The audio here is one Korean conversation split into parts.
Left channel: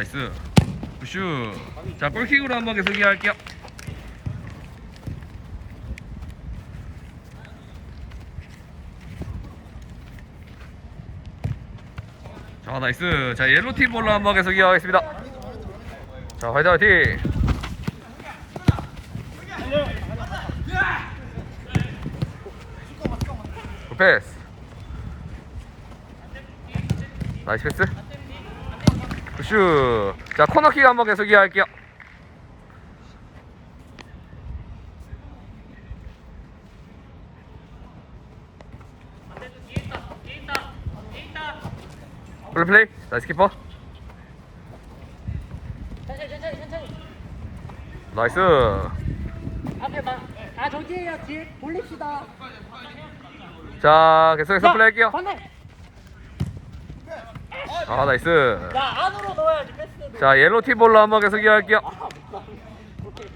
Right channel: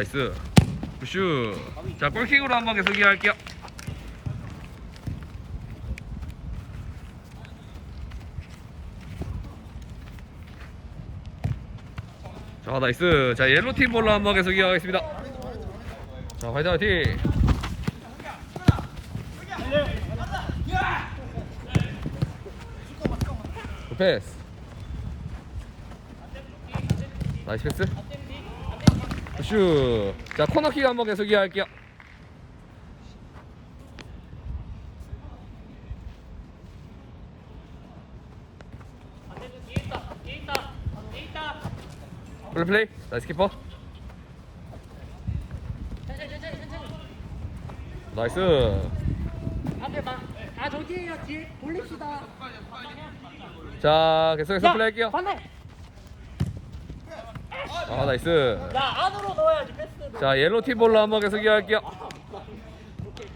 나이스. 굿슈. 자, 골킥으로 한 번 계속 이해할게요. 자, 나이스. 자, 옐로팀 볼로 한 번 계속 이어가겠습니다. 자, 화이팅 화이팅. 굿 패스. 나이스 패스. 굿슈. 자, 코너킥 한번 계속 이어갈게요. 플레이 플레이. 나이스 키퍼. 천천히 천천히 천천히 나이스. 앞에 봐. 아 정지해요 뒤에 돌립시다 자, 계속해서 플레이 할게요. 반대 아, 나이스. 야 안으로 넣어야지 패스 자, 옐로 팀 볼로 한번 계속 이어갈게요. 오케이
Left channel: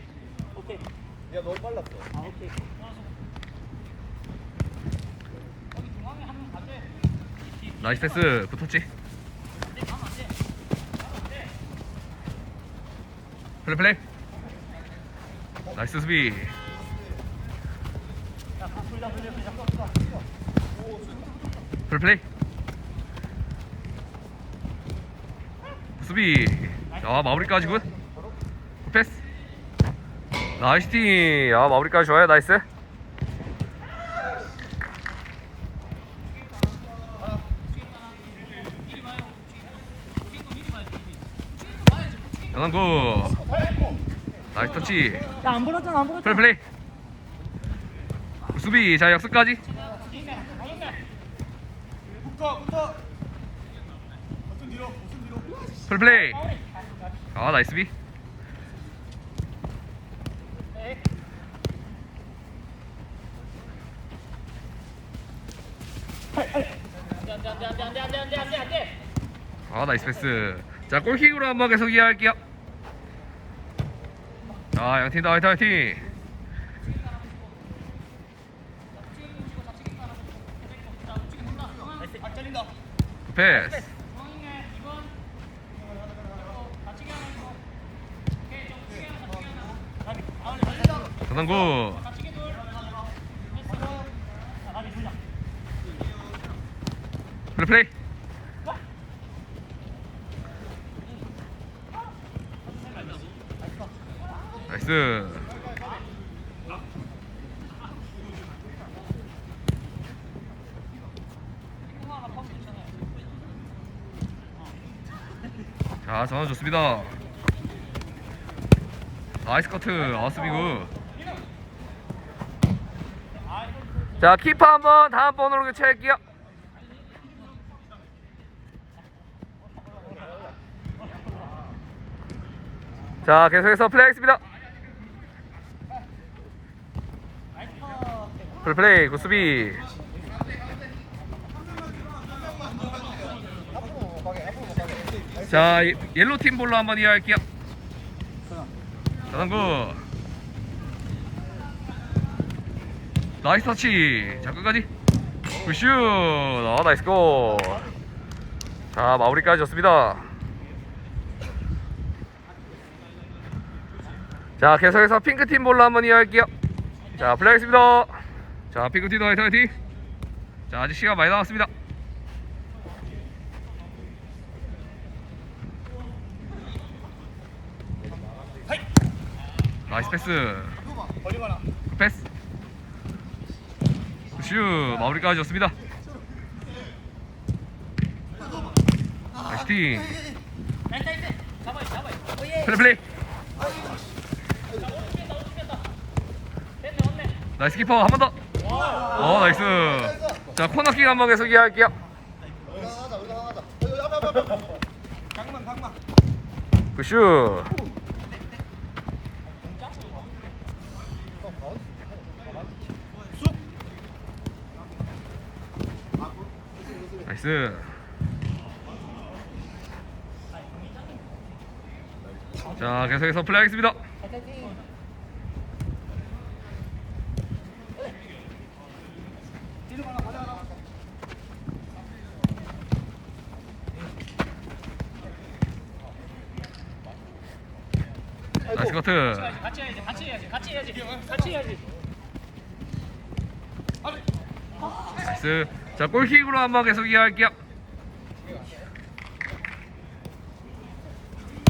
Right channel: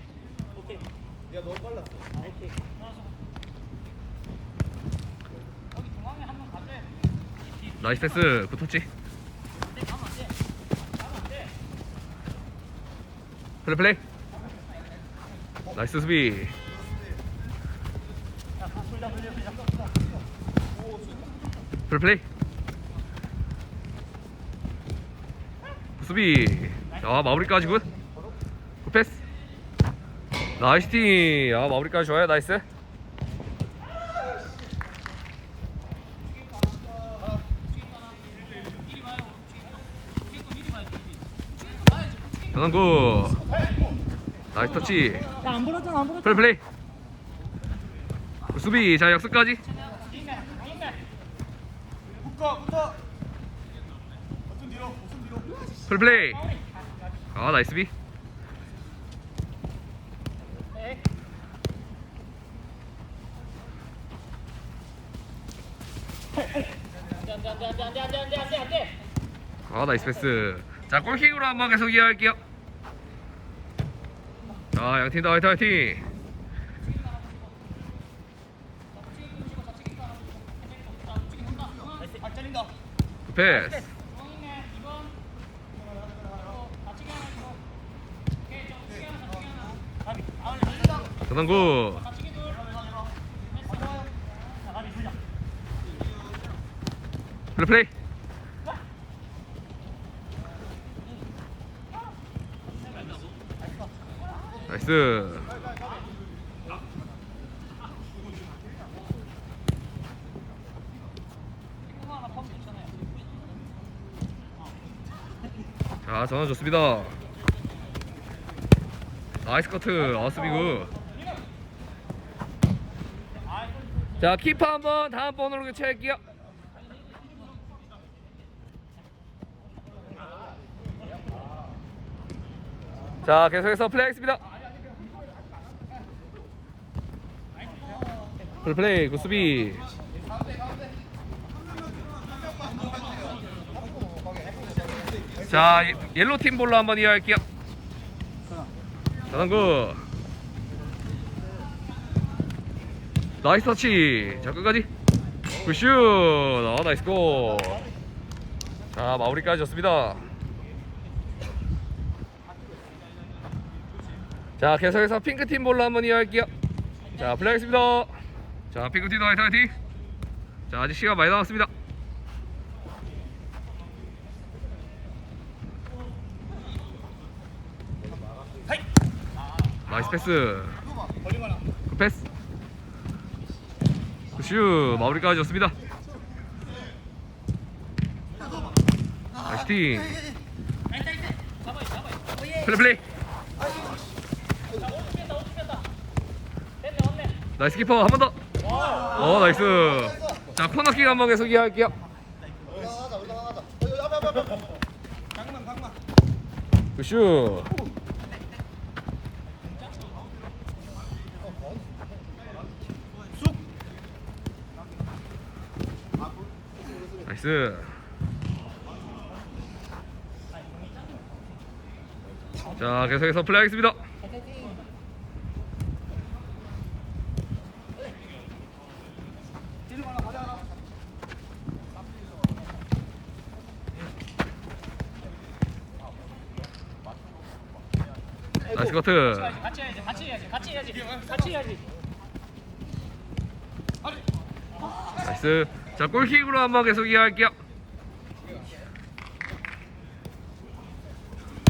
오케이 야 너무 빨랐어 아 오케이 나이스 패스. 굿터치. 플레이 플레이. 나이스 수비. 플레이 플레이. 수비. 아 마무리까지 굿. 굿 패스. 나이스 팀. 아 마무리까지 좋아요. 나이스. 강한구. 나이스 터치. 야안 불었잖아 안 불었잖아 플레이 플레이. 수비. 자 역습까지. 붙어 붙어 뒤로 플레이 플레이. 아 나이스 비. 아 나이스 패스. 자 골킥으로 한번 계속 이어갈게요. 자 양팀 다 화이팅 화이팅. 아 패스. 전환구. 플레이. 나이스. 자, 전환 좋습니다. 나이스 커트, 아스비구. 자, 키퍼 한번 다음 번호로 교체할게요. 자, 계속해서 플레이하겠습니다. 풀플레이, 굿수비. 자, 예- 옐로 팀 볼로 한번 이어갈게요. 자당구. 나이스 터치. 자, 끝까지. 굿슛. 아, 나이스 골. 자, 마무리까지 좋습니다. 자, 계속해서 핑크 팀 볼로 한번 이어갈게요. 자, 플레이하겠습니다. 자, 핑크 팀 화이팅 화이팅. 자, 아직 시간 많이 남았습니다. 나이스 패스. 패스. 슛 마무리까지 좋습니다. 나이스 팀. 플레이 플레이. 나이스 키퍼 한 번 더. 어 나이스. 자 코너킥 한번 계속 이해할게요. 강만 강만 굿슛. 나이스. 자 계속해서 플레이하겠습니다. 가라 커트. 같이 해야지 같이 해야지 같이 해야지 같이 해야지 나이스. 자, 골킥으로 한번 계속 이어갈게요.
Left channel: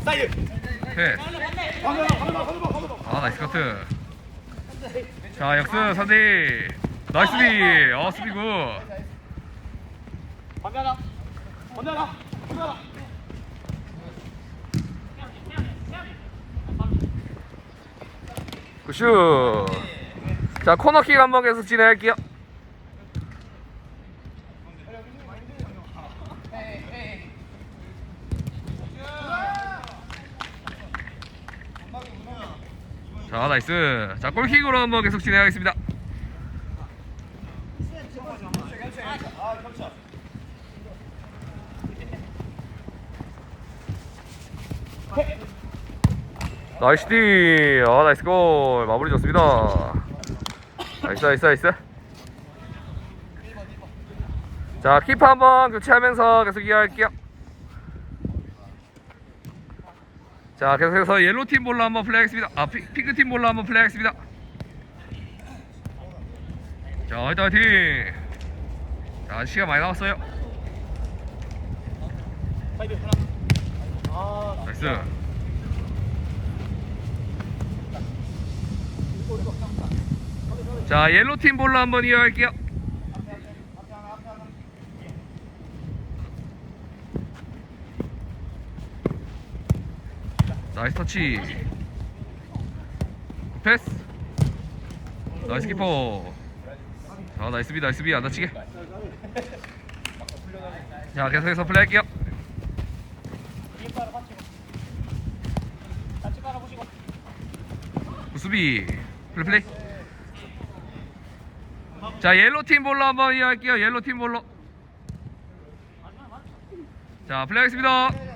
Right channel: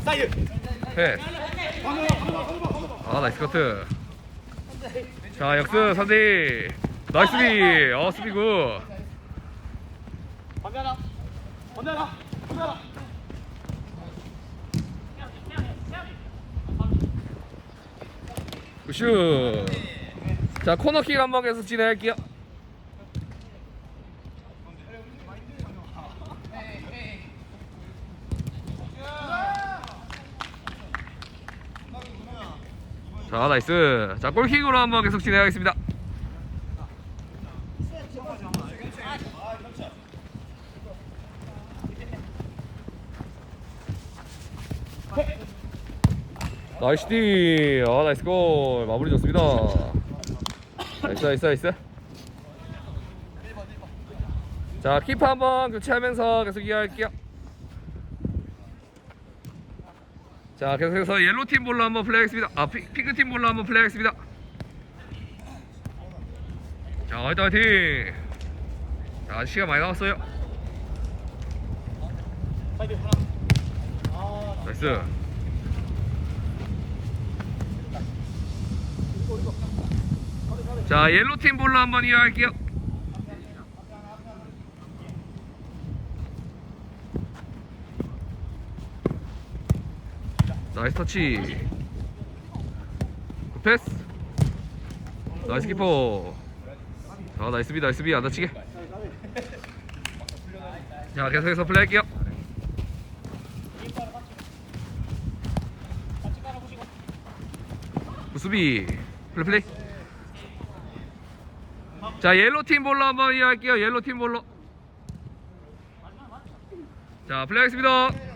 사이드. 아, 나이스 커트. 자, 역습 3대 나이스 비. 어, 수비 굿. 하나. 건네 하나. 굿슛. 자, 코너킥 한번 계속 진행할게요. 자, 나이스. 자, 골킥으로 한번 계속 진행하겠습니다. 나이스 디. 아, 나이스 골. 마무리 좋습니다. 나이스, 나이스, 나이스. 자, 키퍼 한번 교체하면서 계속 이어갈게요. 자, 계속해서 옐로 팀 볼로 한번 플레이하겠습니다. 아, 피, 핑크 팀 볼로 한번 플레이하겠습니다. 자, 화이팅, 화이팅. 자, 시간 많이 남았어요. 나이스. 자, 옐로 팀 볼로 한번 이어갈게요. 나이스 터치. 패스. 나이스 키퍼. 자, 나이스 비, 나이스 비, 안 다치게. 자, 계속해서 플레이할게요. 이빨 같이 같이 깔아보시고 수비 플레이 플레이 자 옐로 팀 볼로 한번 이어갈게요 옐로 팀 볼로 자 플레이하겠습니다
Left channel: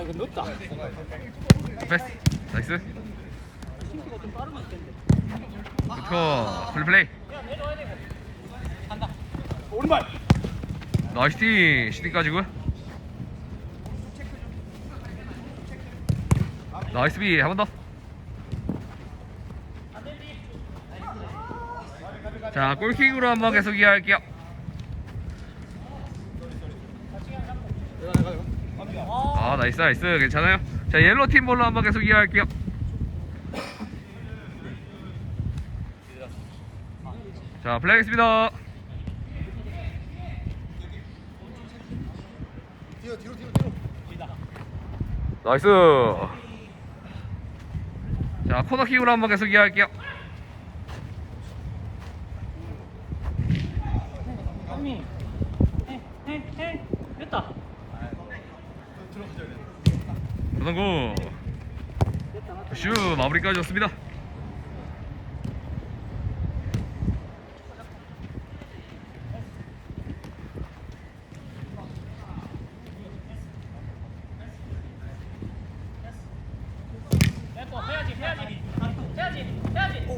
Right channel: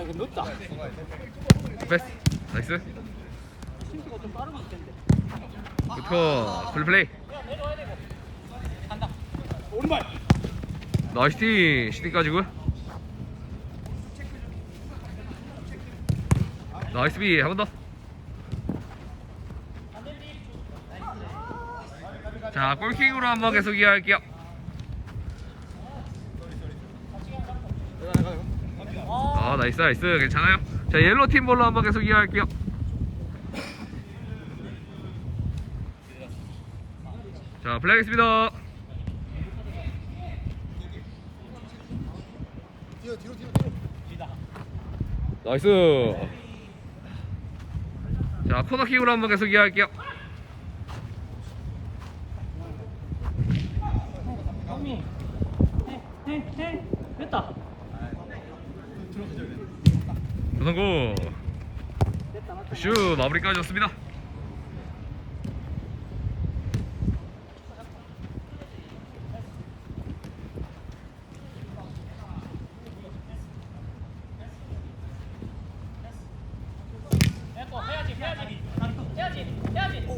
아 이거 늦다. 패스. 나이스. 심수가 좀 빠르면 있겠는데. 굿커 플레이 플레이. 야 내려와야 되고 간다 오른발. 나이스 팀 시티까지 굿 나이스 비. 한 번 더. 자, 골킥으로 한번 계속 이어갈게요. 아, 나이스, 나이스. 괜찮아요. 자, 옐로 팀 볼로 한번 계속 이어갈게요. 자, 플레이하겠습니다. 뒤로 뒤로 뒤로 뒤로. 나이스. 자, 코너킥으로 한번 계속 이어갈게요. 맞다 슈, 마무리까지 해야지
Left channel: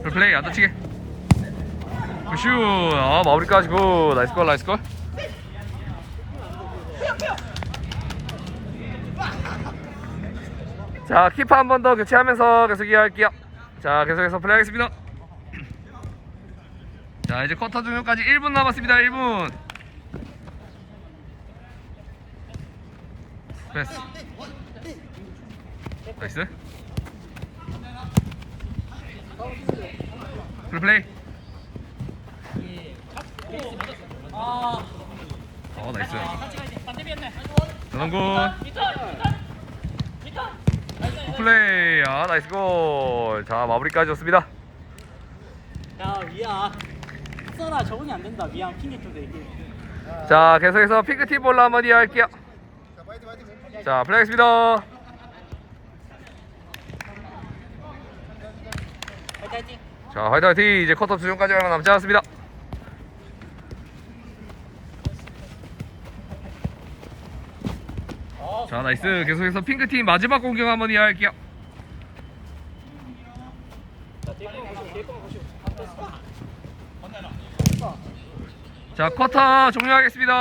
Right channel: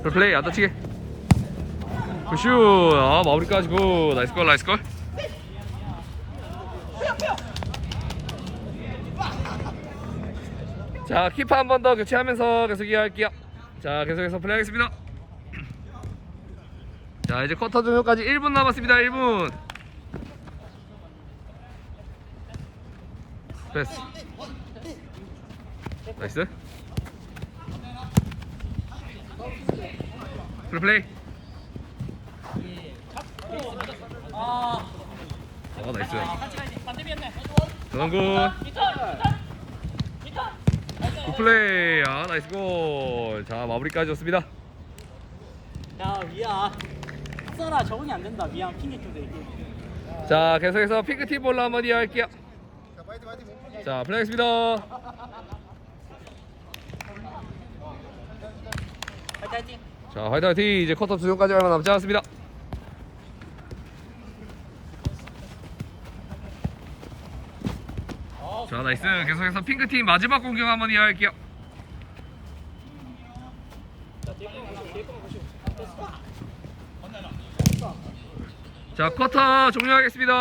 플레이 안 다치게. 슈, 아, 마무리까지 고. 나이스 골, 나이스 골. 자, 키퍼 한 번 더 교체하면서 계속 이어갈게요. 자, 계속해서 플레이하겠습니다. 자, 이제 쿼터 종료까지 1분 남았습니다. 1분. 패스. 나이스. 플레이. 아 아, 나이스. 반대비였네 전원군. 굿플레이. 아, 나이스 골. 자, 마무리까지 좋습니다. 야 미안 써라 적응이 안 된다 미안 핑계 좀 대기 자, 계속해서 핑크팀 볼로 한번 이어갈게요. 자 파이팅 파이팅. 자, 플레이하겠습니다. 화이팅 화이팅 자, 화이팅 화이팅. 이제 쿼터 주전까지 얼마 남지 않았습니다. 자 나이스 계속해서 핑크팀 마지막 공격 한번 이어갈게요. 자 쿼터 종료하겠습니다.